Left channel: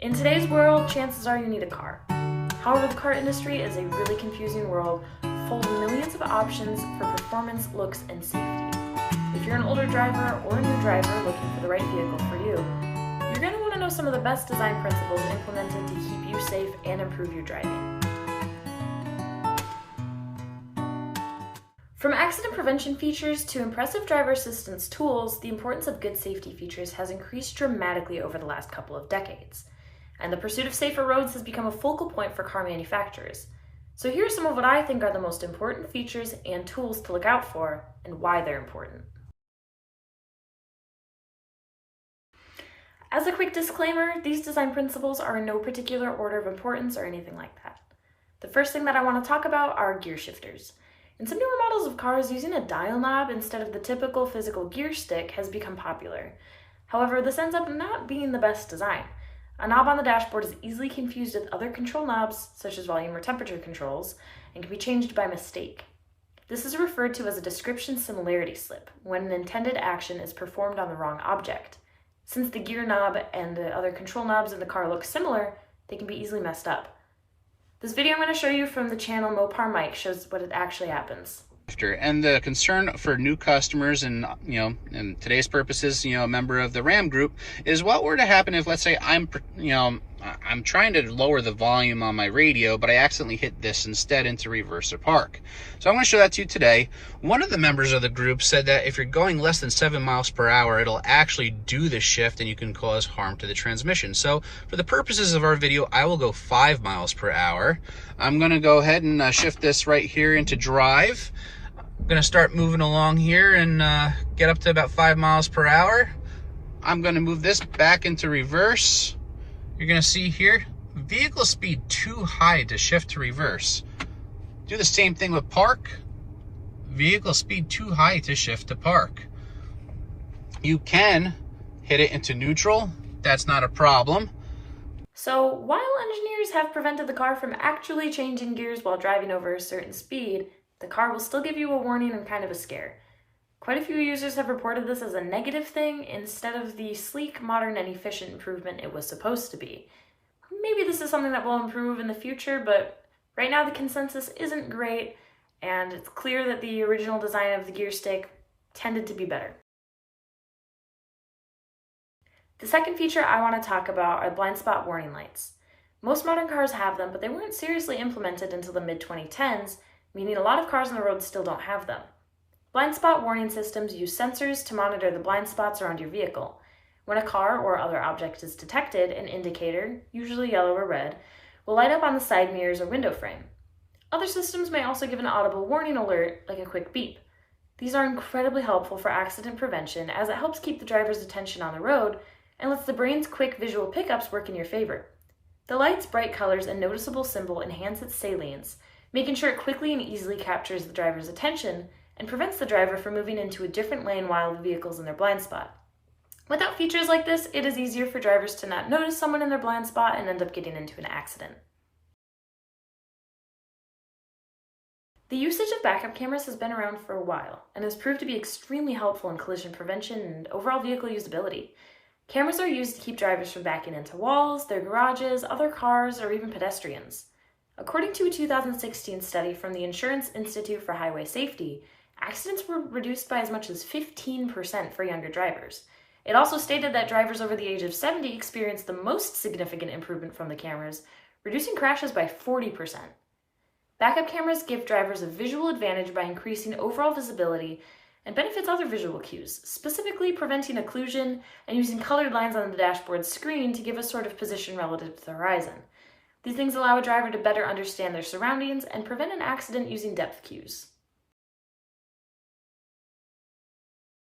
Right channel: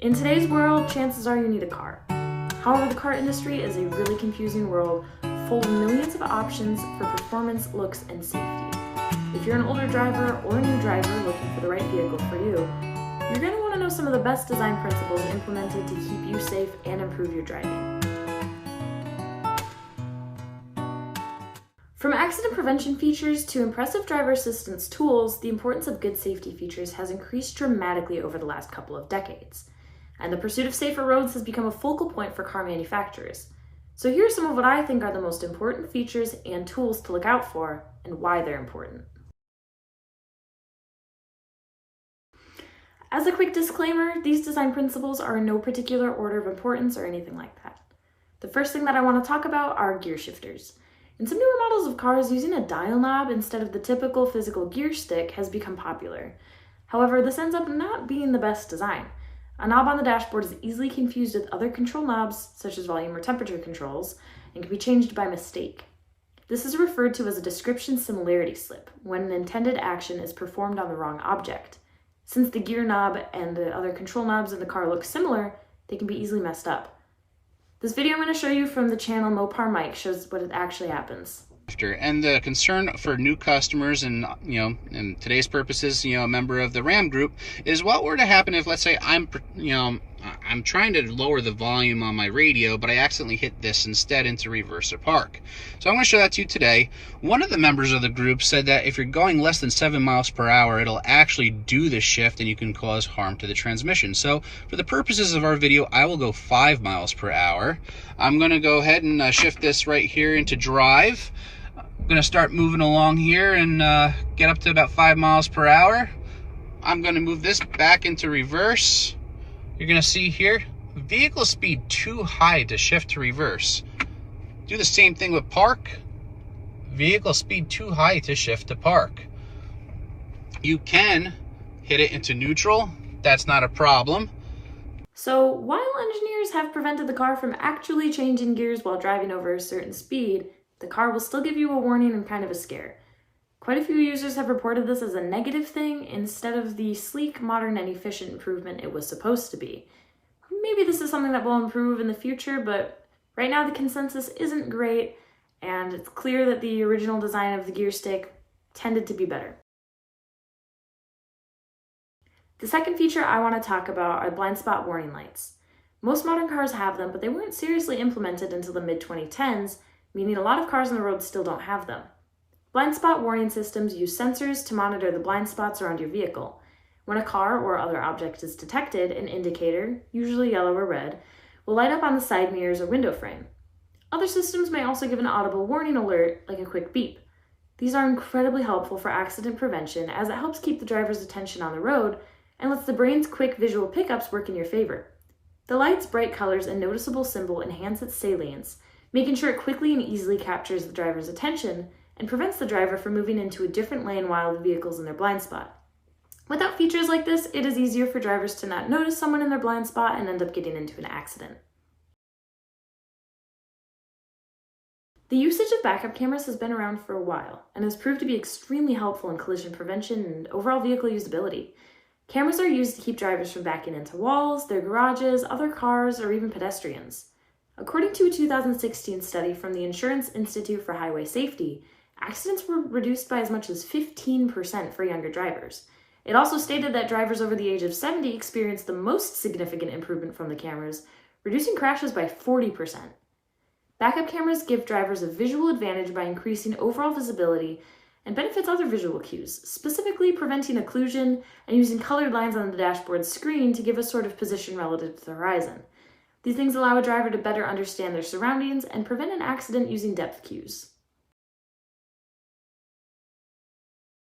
In today's world, chances are you need a car. However, the car industry is a really confusing world full of millions of options for performance, looks, and safety. If you're an older driver or a new driver looking for the right vehicle for you, you're going to want to know some of the best design principles implemented to keep you safe and improve your driving. From accident prevention features to impressive driver assistance tools, the importance of good safety features has increased dramatically over the last couple of decades. And the pursuit of safer roads has become a focal point for car manufacturers. So here are some of what I think are the most important features and tools to look out for and why they're important. As a quick disclaimer, these design principles are in no particular order of importance or anything like that. The first thing that I want to talk about are gear shifters. In some newer models of cars, using a dial knob instead of the typical physical gear stick has become popular. However, this ends up not being the best design. A knob on the dashboard is easily confused with other control knobs, such as volume or temperature controls, and can be changed by mistake. This is referred to as a description similarity slip, when an intended action is performed on the wrong object. Since the gear knob and the other control knobs in the car look similar, they can be easily messed up. This video I'm going to show you from the channel Mopar Mike shows what actually happens. And the concern for new customers and, in today's purposes, a member of the Ram group is what were to happen if, let's say, I'm trying to lower the volume on my radio, but I accidentally hit this instead into reverse or park. So I'm going to show that to you today. One of the members of the group said that if you're going less than 7 miles per hour, it'll actually do the shift and you can cause harm to the transmission. So for the purposes of our video, I will go 5 miles per hour. I'm going to go ahead and shift this right here into drive. I'm going to start moving along here and get up to about 5 miles per hour. I'm going to move this back into reverse. You're going to see here, vehicle speed too high to shift to reverse. Do the same thing with park. Vehicle speed too high to shift to park. You can hit it into neutral. That's not a problem. So while engineers have prevented the car from actually changing gears while driving over a certain speed, the car will still give you a warning and kind of a scare. Quite a few users have reported this as a negative thing instead of the sleek, modern, and efficient improvement it was supposed to be. Maybe this is something that will improve in the future, but right now the consensus isn't great, and it's clear that the original design of the gear stick tended to be better. The second feature I want to talk about are blind spot warning lights. Most modern cars have them, but they weren't seriously implemented until the mid-2010s, meaning a lot of cars on the road still don't have them. Blind spot warning systems use sensors to monitor the blind spots around your vehicle. When a car or other object is detected, an indicator, usually yellow or red, will light up on the side mirrors or window frame. Other systems may also give an audible warning alert, like a quick beep. These are incredibly helpful for accident prevention as it helps keep the driver's attention on the road and lets the brain's quick visual pickups work in your favor. The light's bright colors and noticeable symbol enhance its salience, making sure it quickly and easily captures the driver's attention and prevents the driver from moving into a different lane while the vehicle's in their blind spot. Without features like this, it is easier for drivers to not notice someone in their blind spot and end up getting into an accident. The usage of backup cameras has been around for a while and has proved to be extremely helpful in collision prevention and overall vehicle usability. Cameras are used to keep drivers from backing into walls, their garages, other cars, or even pedestrians. According to a 2016 study from the Insurance Institute for Highway Safety, accidents were reduced by as much as 15% for younger drivers. It also stated that drivers over the age of 70 experienced the most significant improvement from the cameras, reducing crashes by 40%. Backup cameras give drivers a visual advantage by increasing overall visibility and benefits other visual cues, specifically preventing occlusion and using colored lines on the dashboard screen to give a sort of position relative to the horizon. These things allow a driver to better understand their surroundings and prevent an accident using depth cues.